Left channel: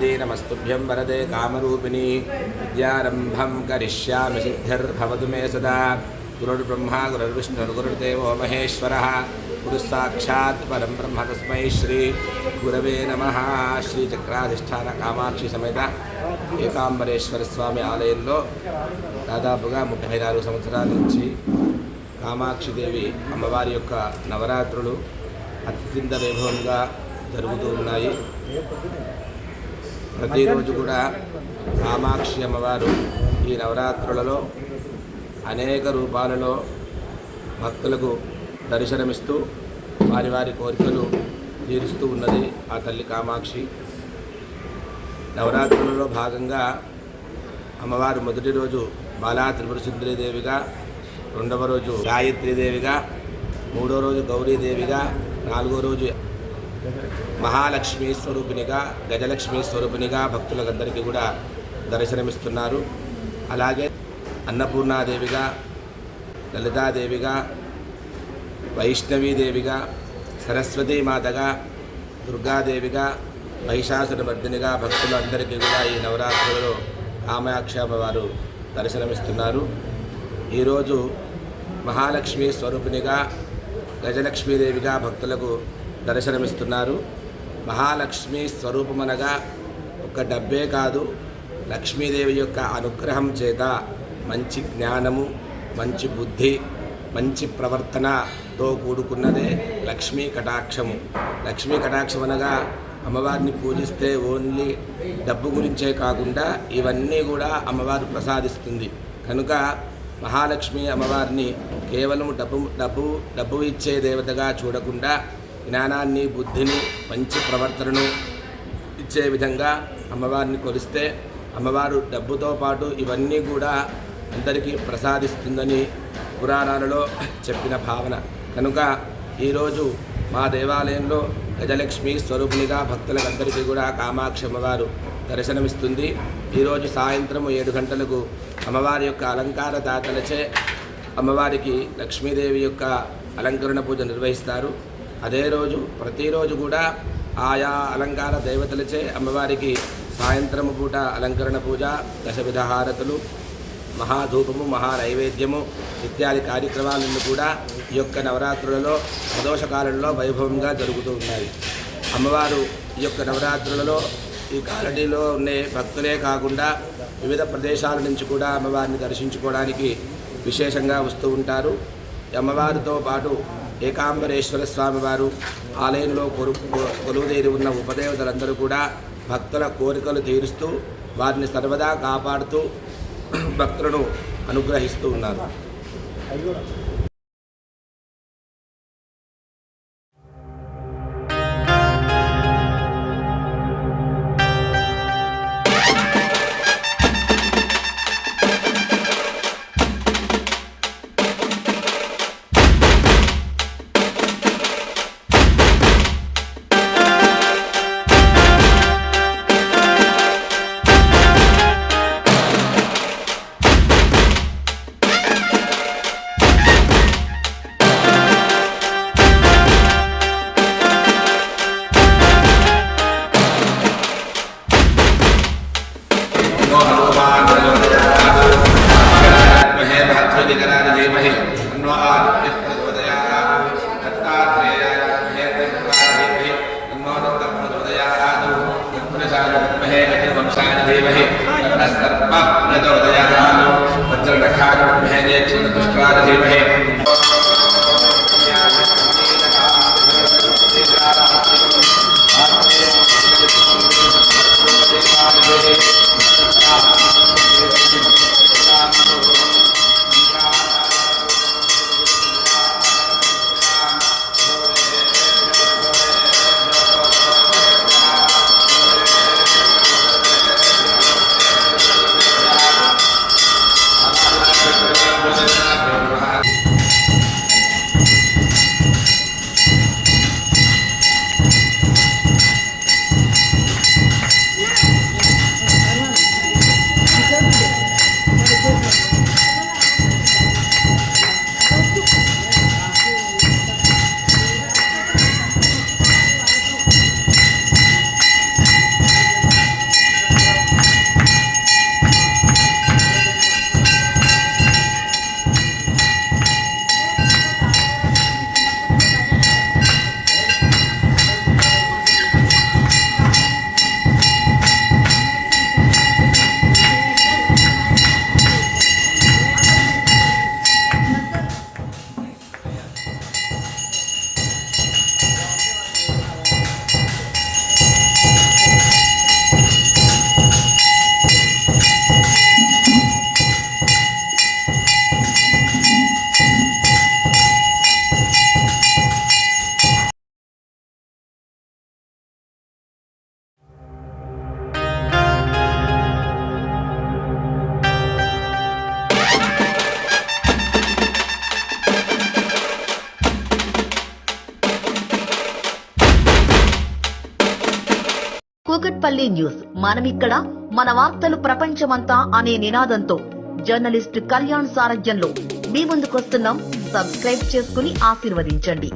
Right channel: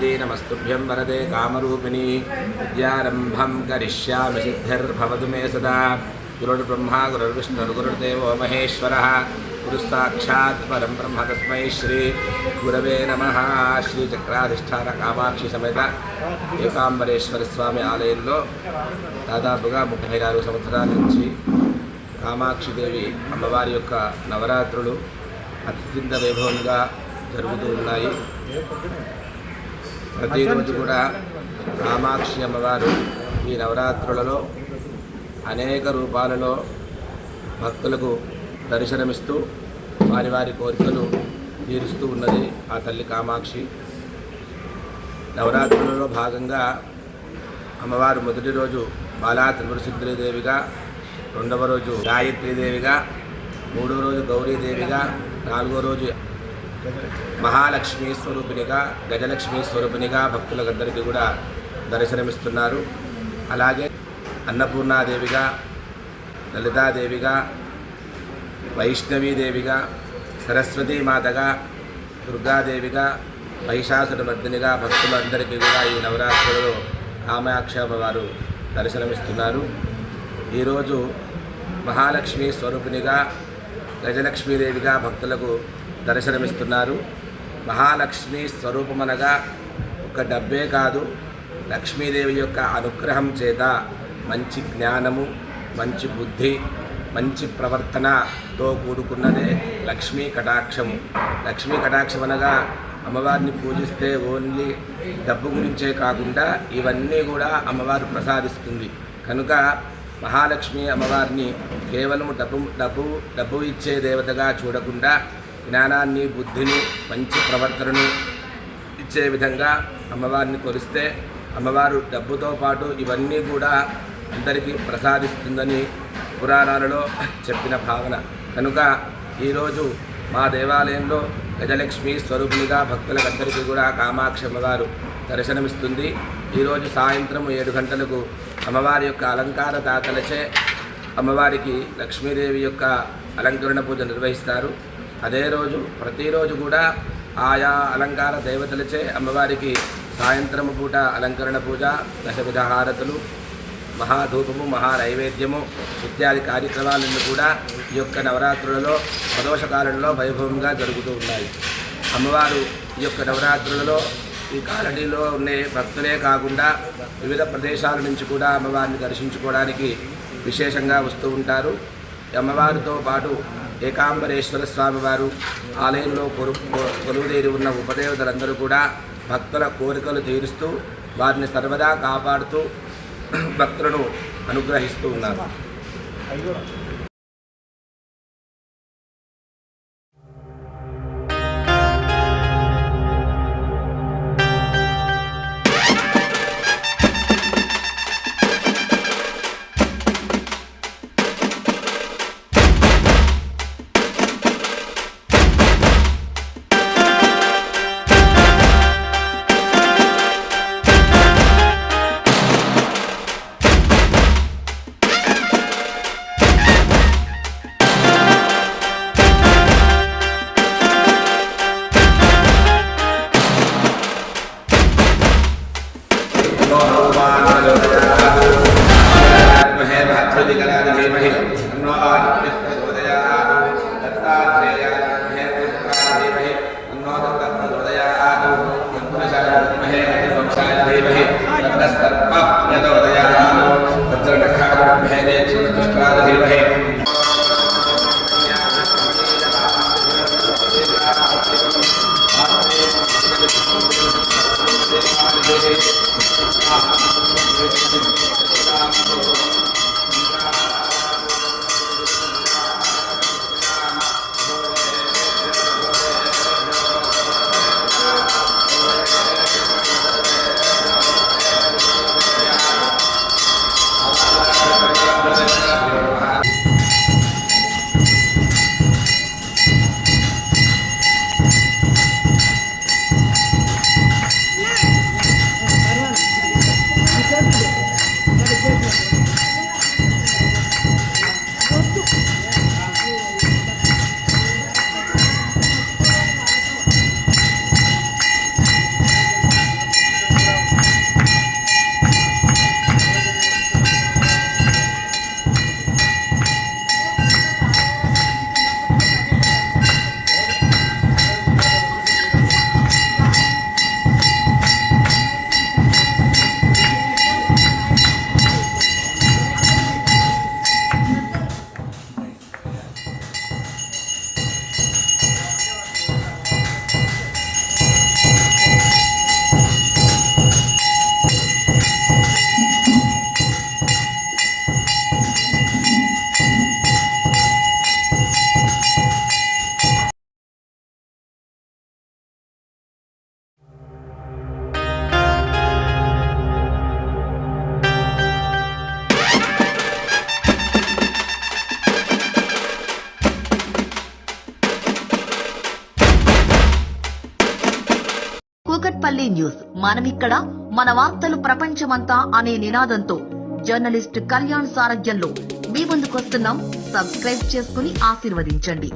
पार्वती नमस्तुभ्यं वरदे कामरूपिणी विद्यारम्भं करिष्यामि सिद्धिर्भवतु मे सदा। गुरुर्ब्रह्मा गुरुर्विष्णुर्गुरुर्देवो महेश्वरः गुरुस्साक्षात् परं ब्रह्म तस्मै श्री गुरवे नमः। శ్రీచక్రాధిష్టాన కామాక్షి సమేత ఏకాంబరేశ్వర స్వామి ఆలయంలో దాదాపుగా 34 సంవత్సరాల నుంచి కామాక్షిదేవి అమ్మవారి యొక్క నవరాత్రులు అత్యంత వైభవంగా జరుగుతూ ఉన్నాయి. ప్రతిరోజు కూడా కామాక్షి అమ్మవారు ఈ నవరాత్రులలో అనేక రూపాలలో భక్తులకు దర్శనమిస్తూ వారి వారి కోరికలు తీరుస్తూ ఉన్నది ఆ తల్లి కామాక్షి. నవరాత్రులలో భాగంగా అమ్మవారు మొదటి రోజు బాలా త్రిపురసుందరీదేవిగా, రెండవ రోజు గాయత్రీదేవిగా, మూడో రోజు గౌరీదేవిగా, నాలుగో రోజు మహాలక్ష్మీ స్వరూపిణిగా, గజలక్ష్మీ స్వరూపిణిగా భక్తులందరికీ కూడా దర్శనమిస్తున్నారు. అలాగే అన్నపూర్ణాదేవిగా, లలితాదేవిగా, వైష్ణవీదేవిగా, సరస్వతీమాతగా, దుర్గాదేవిగా, మహిషాసురమర్దినిగా భక్తులందరికీ కూడా ఈ నవరాత్రులలో కామాక్షి అమ్మవారు దర్శనమిస్తున్నారు. ఈరోజు మహాలక్ష్మి స్వరూపిణిగా, గజలక్ష్మీదేవిగా భక్తులకు దర్శనమిస్తున్నారు. మహాలక్ష్మి స్వరూపమనగా ఒక డబ్బే కాదు, లక్ష్మీదేవి యొక్క అనుగ్రహం చేత మంచి జ్ఞానము, మంచి బుద్ధి, మంచి ప్రవర్తనతో కూడుకున్నదే లక్ష్మీ కటాక్షము. లక్ష్మీ కటాక్షం అనగా అమ్మవారిని పూజిస్తే ఓన్లీ డబ్బు గురించే కాకుండా ఇవన్నీ కూడా అమ్మవారు ప్రసాదిస్తుంది. కనుక మహాలక్ష్మి అమ్మవారిని కేవలం డబ్బు ఇచ్చే దేవతగా చూడకుండా జ్ఞానాన్ని, బుద్ధిని, మంచి ప్రవర్తనను ఇచ్చే విధంగా అమ్మవారిని కొలిస్తే అమ్మవారు డబ్బుతో పాటు ఇవన్నీ కూడా అందరికీ ప్రసాదిస్తుందని పురాణాలలో చెప్పిన భావన. కనుక ఈరోజు మా దేవాలయంలో గజలక్ష్మి స్వరూపిణిగా భక్తులందరికీ కూడా కామాక్షి అమ్మవారు దర్శనమిస్తుంది. ఈరోజు సాయంత్రం 7 గంటలకు అమ్మవారి యొక్క అలంకార దాతలచే అమ్మవారికి లక్ష్మీదేవి యొక్క అలంకరణ పూజ నిర్వహిస్తారు. అదే రోజు ప్రతిరోజు కూడా ఆయా అలంకార దేవతలచే అమ్మవారికి సాయంత్రము పూట అలంకరణ పూజ, దశవిధ హారతులు, మహాధూపము, మహానైవేద్యము ఇత్యాది కార్యక్రమాలన్నీ కూడా ఈ యొక్క నవరాత్రులలో ప్రదోషకాలంలో వైభవంగా జరుగుతూ ఉన్నాయి. అమ్మవారు ఈ యొక్క నవరాత్రులలో ఈ కాలనీలో ఉండే భక్తులే కాకుండా వివిధ ప్రదేశాల నుంచి కూడా అమ్మవారిని దర్శించుకోవడానికి విశేషంగా వస్తూ ఉంటారు. అమ్మవారితో పాటు ఏకాంబరేశ్వర స్వామివారు ఆలయంలో కొలువుదేరి ఉన్న ఉపదేవతలందరూ కూడా భక్తుల కోరికలు తీరుస్తూ వారిని సర్వదా కాపాడుతూ భక్తులను అనుగ్రహిస్తూ ఉన్నారు. కూకట్పల్లి న్యూస్, మనమిక్కడ మన వార్తలు ప్రపంచమంతా అనే నినాదంతో జర్నలిస్ట్ కళ్యాణ్ సారథ్యంలో మీ ముందుకొస్తున్నాం. సబ్స్క్రైబ్ చేసుకుని ఆశీర్వదించండి.